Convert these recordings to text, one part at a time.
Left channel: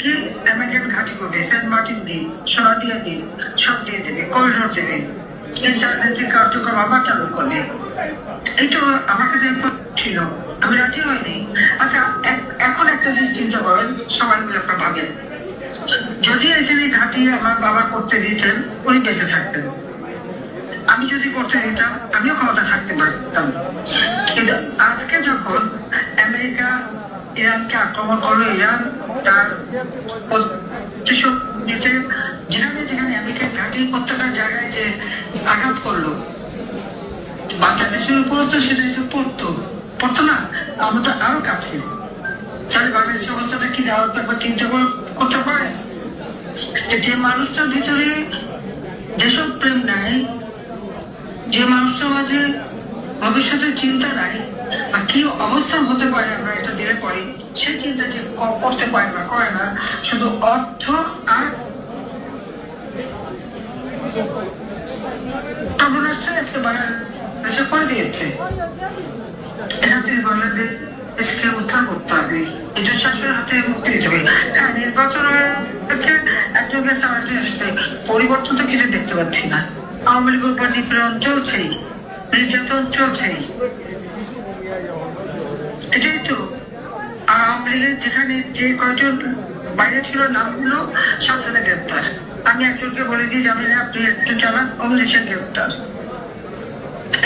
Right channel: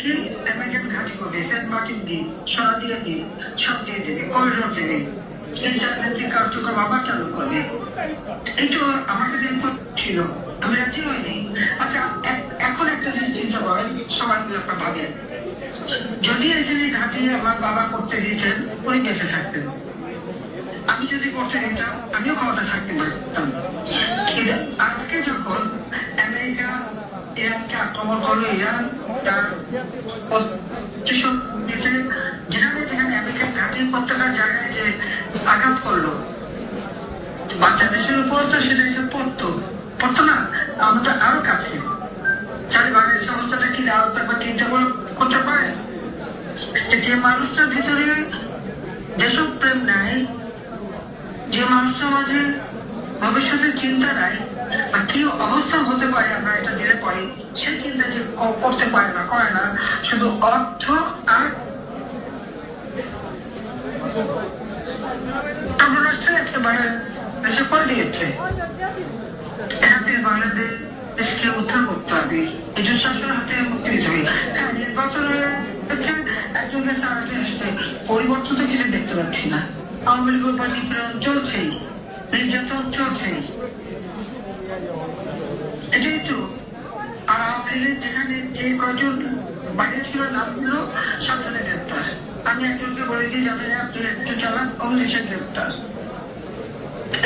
কি আমেরিকান ঘাঁটি করবে, সেন্ট মার্টিন দিয়ে, সোনাদিয়া দিয়ে, সব দিয়ে দেবে, করিডোর দেবে, ইনসার্জেন্সি কার্যক্রম আবার চালু করবে। একটু আমার কাছে ছিল, আমি রাজি হয়নি। আচ্ছা, এখন একটা জিনিস চিন্তা করেন, সবাই মিলে আপনার ভাবেন, যদি এখানে ঘাঁটি আমার বাবা করতে দিতেন, উনি বেঁচে থাকতেন। আমি যদি করতে দিতাম, আমিও ক্ষমতা থাকতে পারতাম। কিন্তু আজকে যখন আমেরিকা ইরানকে আক্রমণ করলো, ইরান তার প্রতিশোধ নিতে যেখানে আমেরিকার ঘাঁটির প্রত্যেকটা জায়গায় যে আঘাত করলো, বাংলাদেশের উপরও তো সেটা এসে পড়তো না, আমরা তো আরো কাছে। তাহলে বাংলাদেশের অবস্থাটা কি দাঁড়াতে একবার চিন্তা করতে পারে? যে মানুষটার ভিতরে যেসব প্রেম নাই, যে মানুষটার মাঝে ভবিষ্যতের চিন্তা নাই, বা কি অবস্থা হতে পারে আমরা এটা দিলে পরে, সেই চিন্তা যে করতে পারে না, করে না, শুধু অর্থ আর রাষ্ট্রে আজকে বাংলাদেশে করে দিয়েছে। এখান থেকে বাংলাদেশকে উদ্ধার করতে হবে, এই যে শাসনের হাতে মুক্তি দিতে হবে। হ্যাঁ, নির্বাচন হচ্ছে, একজনকে সারাটি এসেছে, পরিবর্তন তো কিছু দেখতে পাচ্ছি না। আওয়ামী লীগের উপর নিপীড়ন চলছেই, নির্যাতন চলছেই, এটাই তো। আর আওয়ামী লীগের যেখানে যে কজন বাইরে ছিল নামগুলো সব সাথে গ্রেপ্তার। আমি একজনকে বলে দিই, জামিনে আপনি একটু চালান, অন্য দেশে গ্রেপ্তার।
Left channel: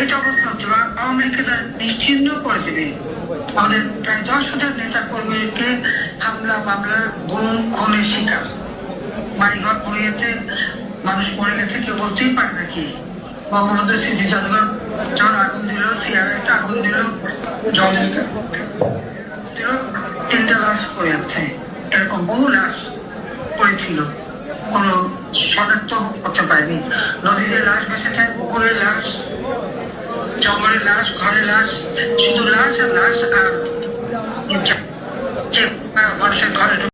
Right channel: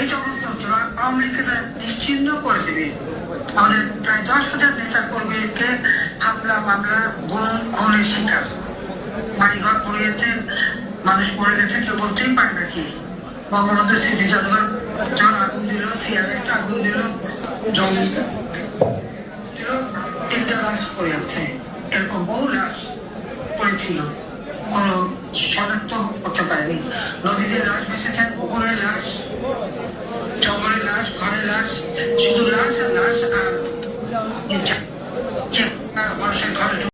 এই যে অবস্থা হচ্ছে, আওয়ামী লীগকে তারা নিশ্চিহ্ন করে দেবে। আমাদের প্রায় 10,000 নেতা কর্মীকে হামলা, মামলা, খুনের শিকার, বাড়িঘর পুড়িয়েছে, মানুষ মরে গেছে, কেউ বলতেই পারে নাকি? বঙ্গবন্ধুর স্মৃতি জাদুঘর যখন আগুন দিল, সিআরআইতে আগুন দিল, জল দিল, 3টা লাশ পড়ে আছে। এরকম বহু লাশ পড়েছিল, কোন শনাক্ত করতে পারেনি। নদীতে লাশ ভেসেছে, পুকুরের লাশ, জঙ্গলের লাশ, ঘরের লাশ, শুধু